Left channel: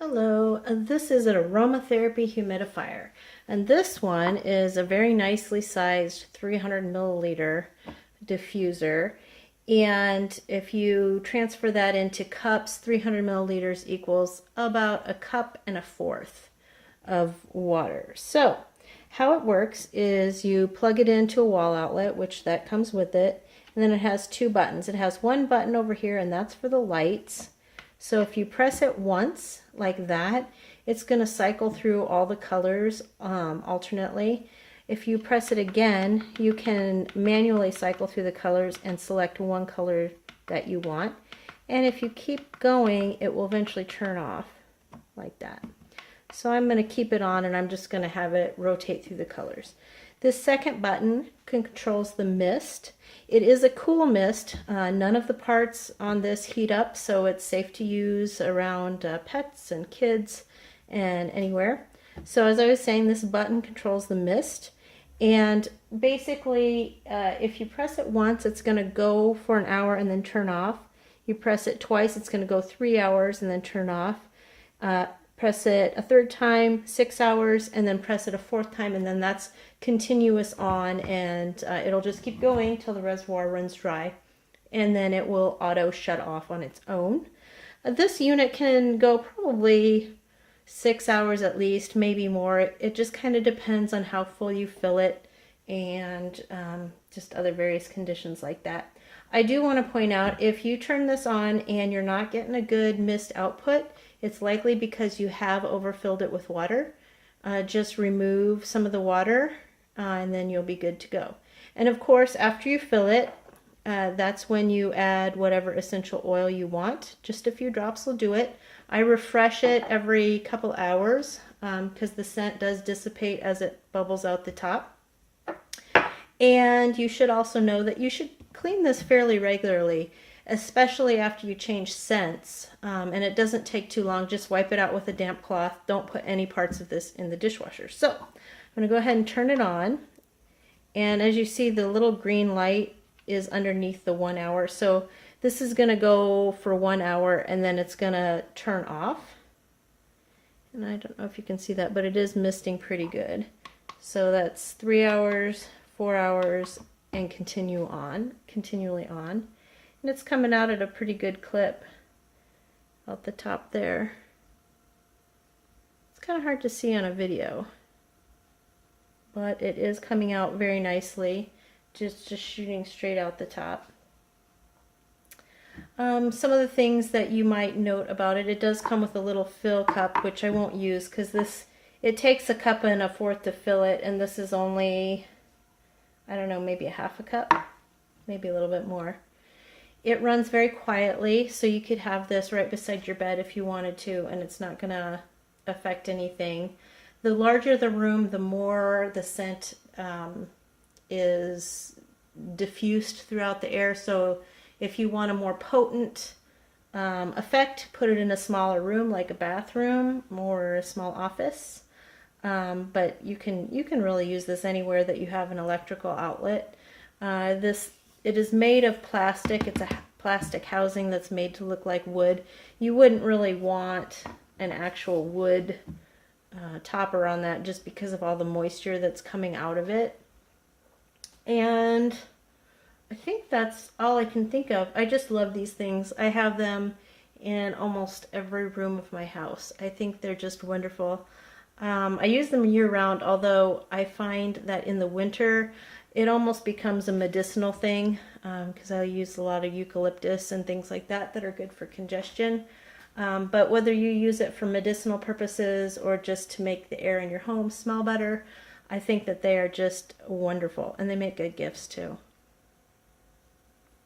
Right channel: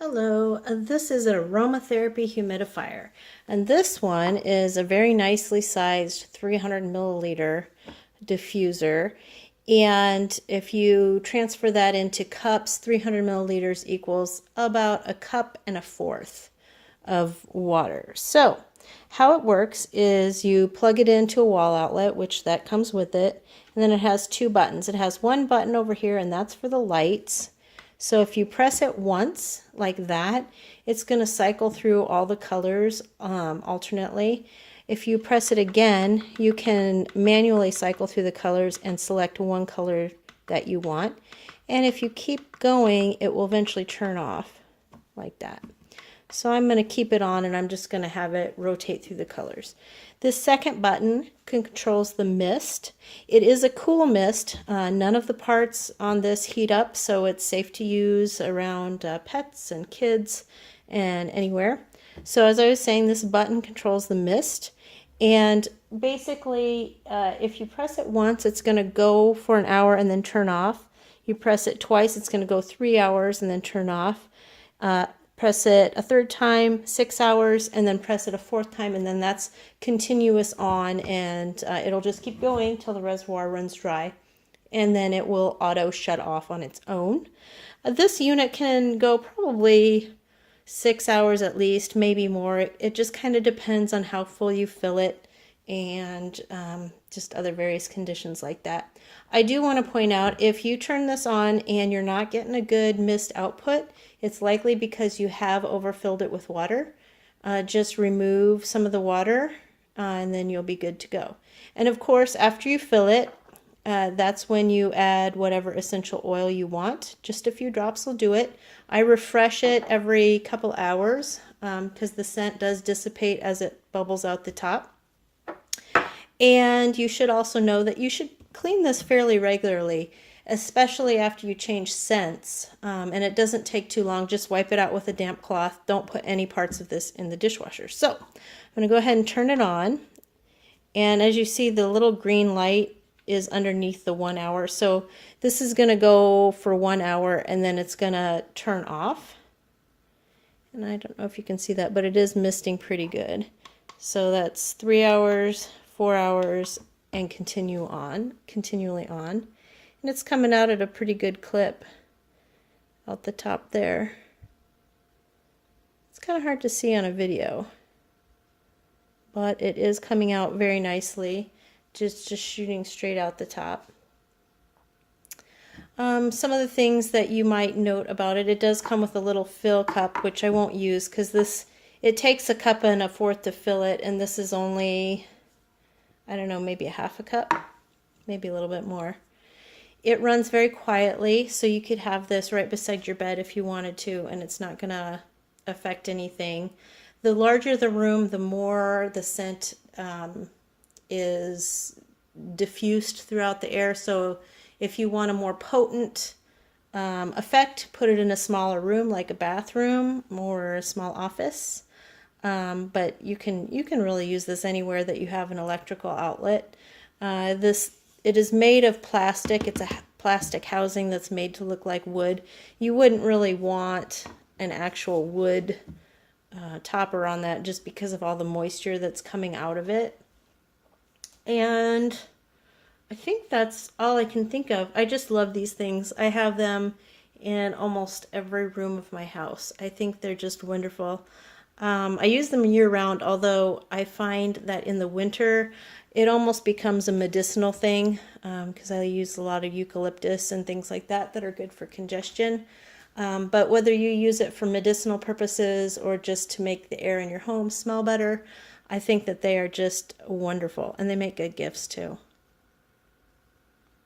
Hello, this is an aromatherapy humidifier, and this one is a very nicely sized 300 milliliter diffuser. And if you transfer that into cups, 300 milliliters equals about a cup and a fourth of water. So how it works is you plug it into a wall outlet, which that comes with it, and then it has two buttons. It has one button over here, and that's for the lights. So if you press it once like that, it's going to cycle through all the colors alternately. If you press it again, you can manually cycle through the colors and select one color that you want. And if you keep going, it will eventually turn off like that. So I'm going to keep it on, and I'm just going to have it rotate through the colors. This second button controls the mist. It is a cool mist. None of the parts on this heat up, so it's safe to use around pets and kids and anywhere. So as I was saying, this button controls the mist. And basically, if you press it once, it's going to go for an hour and then turn off. You press it twice, it's going to go 3 hours and then turn off. Press it a third time, 6 hours, and then press it a fourth time, and then that's continuous on, and it'll just keep going till the reservoir runs dry, and then it will auto shut off on its own. This unit can go probably 6 hours at least, maybe more. It just kind of depends on how full you fill it and just other various conditions like that. I do want to point out, if you turn this on and you're not getting a good mist output, it's likely because you have overfilled it with water. Just remove some of the water and then you'll be good to go. And of course, after you fill it, that's when you add whatever essential oil you want. Just a few drops will do it. I refresh it every couple hours because the scent does dissipate as it bubbles out the top. And you should also know that you should clean this fairly regularly, especially after you change scents. And it doesn't take too long. Just wipe it out with a damp cloth. Don't put any parts of this in the dishwasher. So I'm going to go ahead and turn it on. And as you see, the little green light is underneath the 1 hour. So this is going to go for 1 hour and then it's going to turn off. And I don't know if you can see that, but it is misting pretty good. So that's 3 hours, 4 hours, and continually on. And it's coming out at a pretty good clip out the top there. It's kind of hard to see on a video, but it is coming out very nicely, just shooting straight out the top. Some of the things that you might note about it, it does come with a little fill cup, which I won't use because it takes a cup and a fourth to fill it, and this is only, I don't know, maybe a half a cup, maybe a little bit more. It runs very quietly, so you could have this right beside your bed if you wanted to, and it's not going to affect anything. The larger the room, the more the scent is diffused throughout the air. So if you want a more potent effect, put it in a smaller room like a bathroom or a small office. But you can really use this anywhere that you have an electrical outlet. It is made of plastic. It's a plastic housing that's made to look like wood. You wouldn't really want an actual wood topper on that just because of all the moisture that's coming out of it. And I think that's all I can think of. I just love these things. I have them in almost every room of my house. I think they're just wonderful. I use them year-round, although I find that in the winter it almost becomes a medicinal thing because I use a lot of eucalyptus and things like that that are good for congestion. But whether you use it for medicinal purposes or just to make the air in your home smell better, I think that they are just wonderful, and they make good gifts too.